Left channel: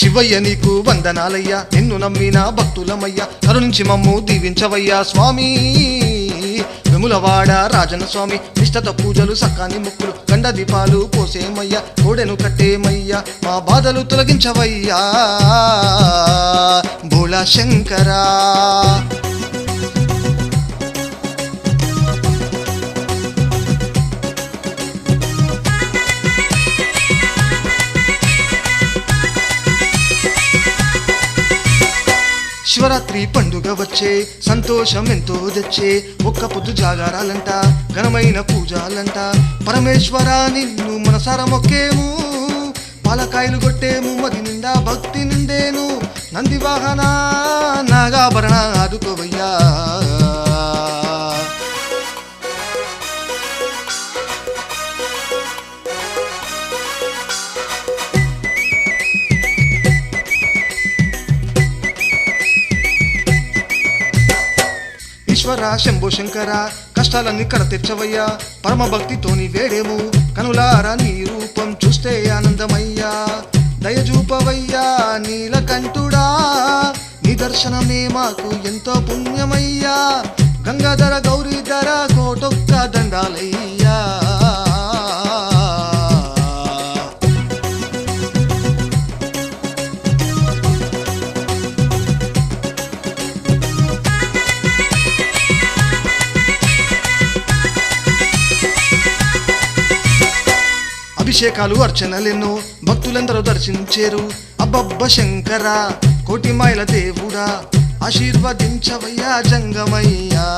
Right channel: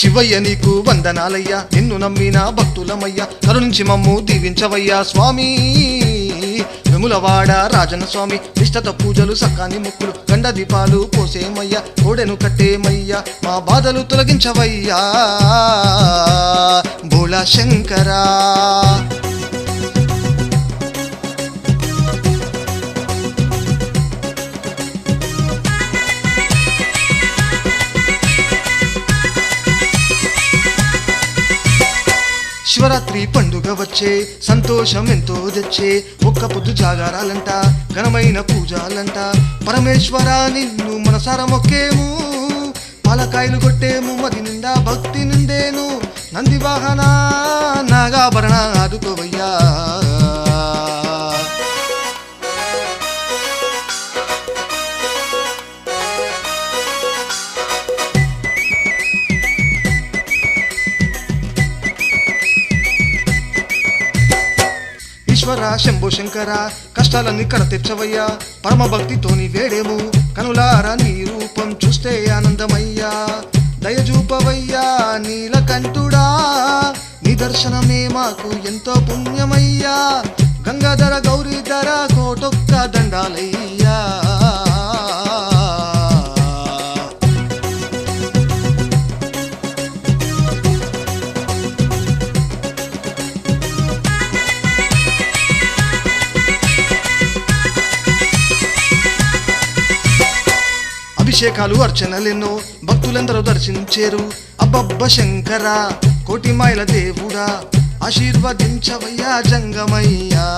శివయ్య నీకు వందనాలయ్యా, నిన్ను నమ్మిన భక్తులమయ్యా, కరుణించి మమ్ము దీవించవయ్యా స్వామి. వెములవాడ రాజన స్వామి, నిష్టత పూజలు సకాని ముక్కులు, గండ దీపాలు పోసేమయ్యా, కోడెను కట్టేమయ్యా, మా బాధలు తొలగించవయ్యా భోళా శంకరా. శివరాత్రి పండుగ వచ్చే, సంతోషం ఎంతో తెచ్చే, ఒక్క పొద్దు జాగారాలంట, ఘనమైన పూజాలంట, పరమేశ్వర నిన్ను మనసార మొక్కేము, పాలకాయలు కొట్టేము, మది నిండా భక్తి నిండేను, నంది వాహన నాగాభరణ ఆదుకోవయ్యా. ఈశ్వర శంభో శంకర, కష్టాలన్నీ కడ తెచ్చవయ్యా, పరమ భక్తితోని వేడేము, కనులారా నీ రూపం చూస్తే ఆనందమయ్యా, దయజూపవయ్యా నీలకంఠుడా, నీ దర్శనమే మాకు ఎంతో పుణ్యమయ్యా, గంగాధర గౌరీధర కోటొక్క దండాలయ్యా. అభిషేకాలు అర్చనలెన్నో భక్తులందరూ దర్శించేరు, అబ్బబ్బ శంకర కోటి మాయల దేవుడా, ఆశీర్వదించవయ్యా జంగమయ్యా.